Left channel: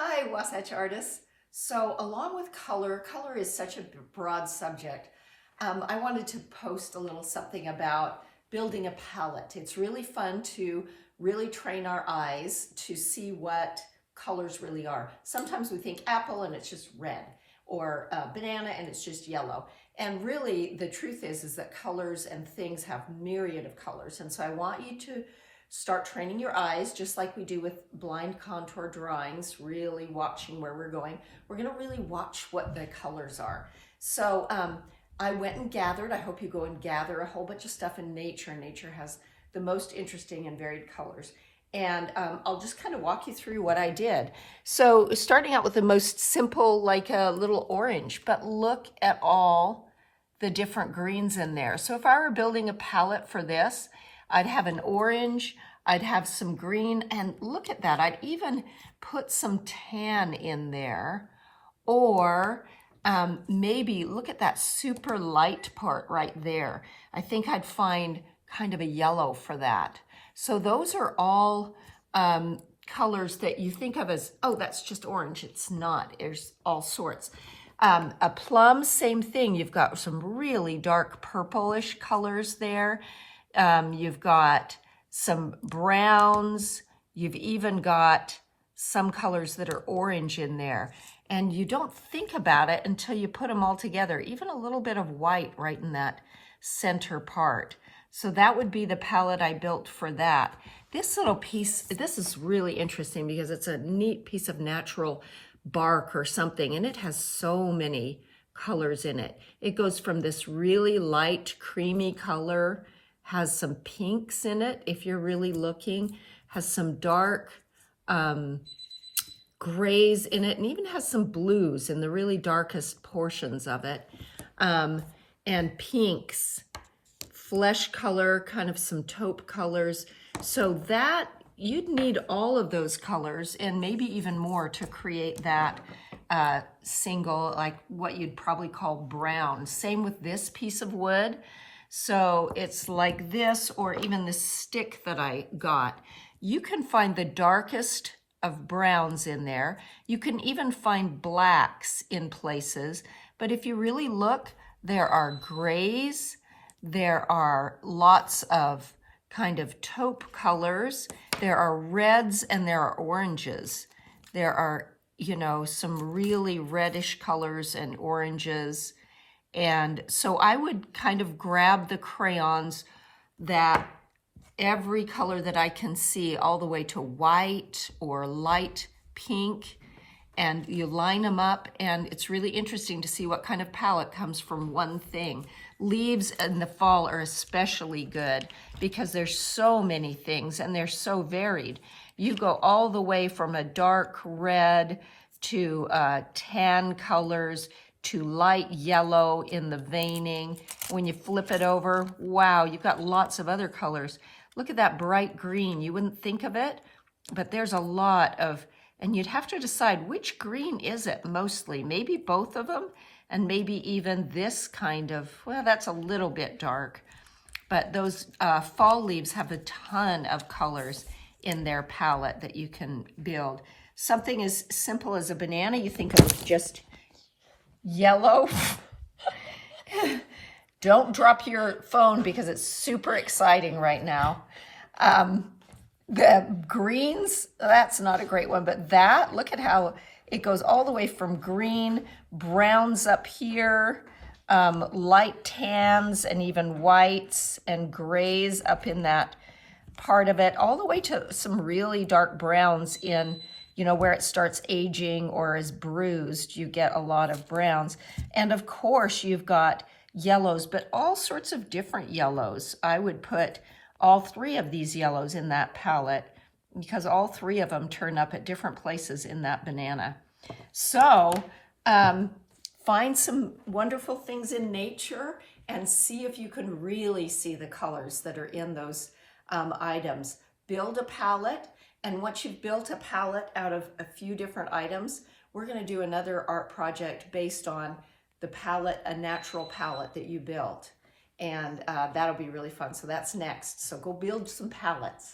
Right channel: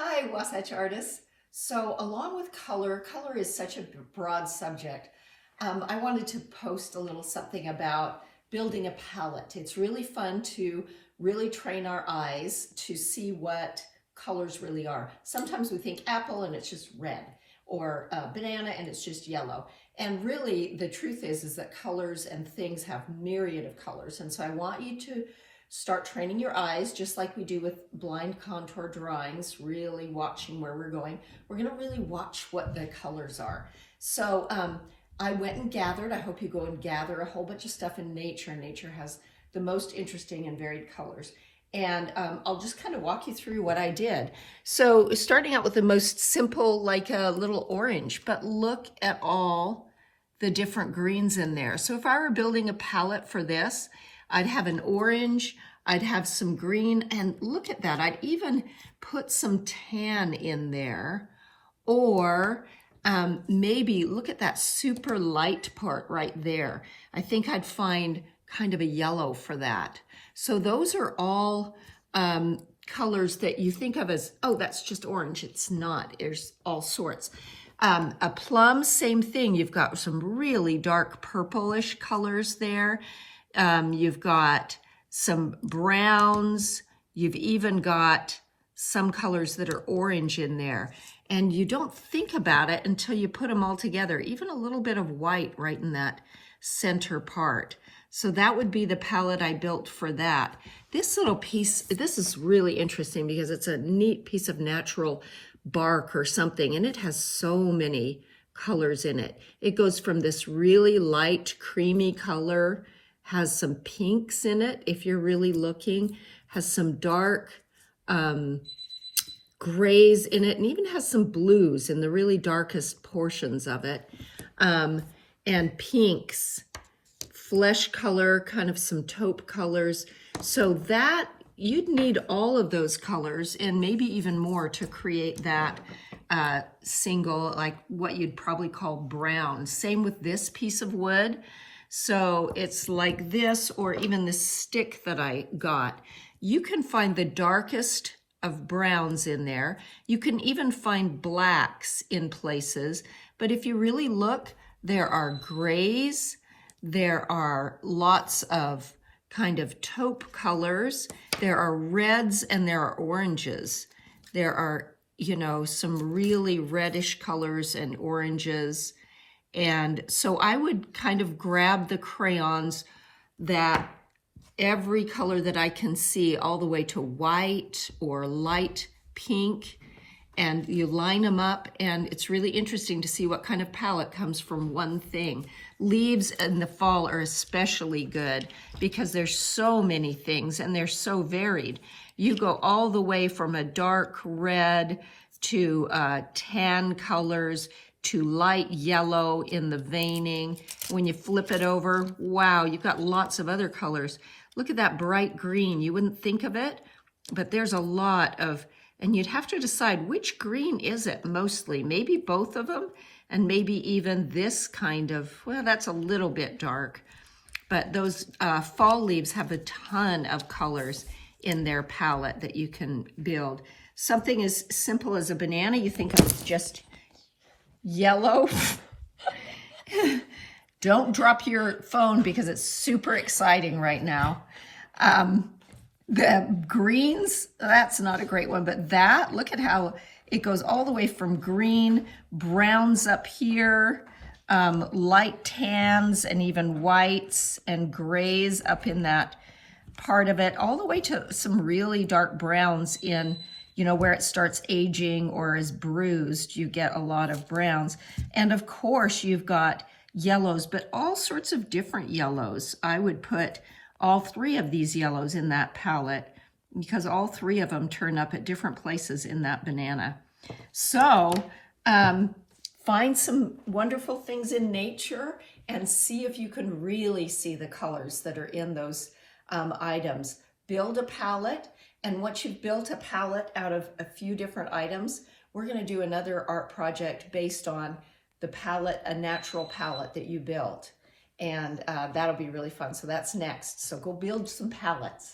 Hi, Wasatch artists. So along with color, color is such a broad subject. I wanted to post a little something about building a palette. It's really fun to really train our eyes to see what colors really are. Sometimes we think apple and it's just red, or banana and it's just yellow. And really the truth is that colors and things have myriad of colors. And so I want you to start training your eyes, just like we do with blind contour drawings, really watching where we're going. We're gonna really watch what the colors are. So I went and gathered, I hope you go and gather a whole bunch of stuff in nature. Nature has the most interesting and varied colors. And I'll just kind of walk you through what I did. So starting out with the most simple, like a little orange, but look at all the different greens in there. So if I were building a palette for this, I'd have an orange, I'd have some green, and look at that. I'd even put some tan in there, or maybe look at that super light part right there. I think I'd find kind of a yellow for that. So those are all colors that you think of as, oh, that's just orange. It's not, there's all sorts. A plum, same thing. You've got some really dark purplish colors there. You've got some browns, you've even got some colors that are orange in there. And you don't think about it until you put them all together, even a little bit of white right in that center part. So that would be the palette I built for that. This little piece, this is really interesting because it's a neat piece of natural bark or something, and it has so many colors in it. It goes from this really light creamy color, has some pinks in it if you're really looking, has some dark grays in it, and even has some blues in the really darkest portions of it, and pinks, flesh color, kind of some taupe colors. So that, you'd need all of those colors and maybe even more to create that single, like what you'd probably call brown. Same with this piece of wood. So it's like this, or even the stick that I got. You can find the darkest of browns in there. You can even find blacks in places. But if you really look, there are grays, there are lots of kind of taupe colors, there are reds, and there are oranges. There are, you know, some really reddish colors and oranges. And so I would kind of grab the crayons that every color that I can see, all the way to white or light pink, and you line them up, and it's really interesting to see what kind of palette comes from one thing. Leaves in the fall are especially good because there's so many things and they're so varied. You go all the way from a dark red to tan colors, to light yellow in the veining. When you flip it over, wow, you've got lots of other colors. Look at that bright green. You wouldn't think of it, but there's a lot of, and you'd have to decide which green is it mostly. Maybe both of them, and maybe even this kind of, well, that's a little bit dark. But those fall leaves have a ton of colors in their palette that you can build. Something as simple as a banana, you think of as just yellow. Don't drop your phone because it's super exciting right now. The greens, that's not a great one, but that, look at how it goes all the way from green, browns up here, light tans, and even whites and grays up in that part of it, all the way to some really dark browns in, you know, where it starts aging or is bruised, you get a lot of browns. And of course, you've got yellows, but all sorts of different yellows. I would put all three of these yellows in that palette because all three of them turn up at different places in that banana. So find some wonderful things in nature and see if you can really see the colors that are in those items. Build a palette. And once you've built a palette out of a few different items, we're going to do another art project based on the palette, a natural palette that you built. And that'll be really fun. So that's next. So go build some palettes.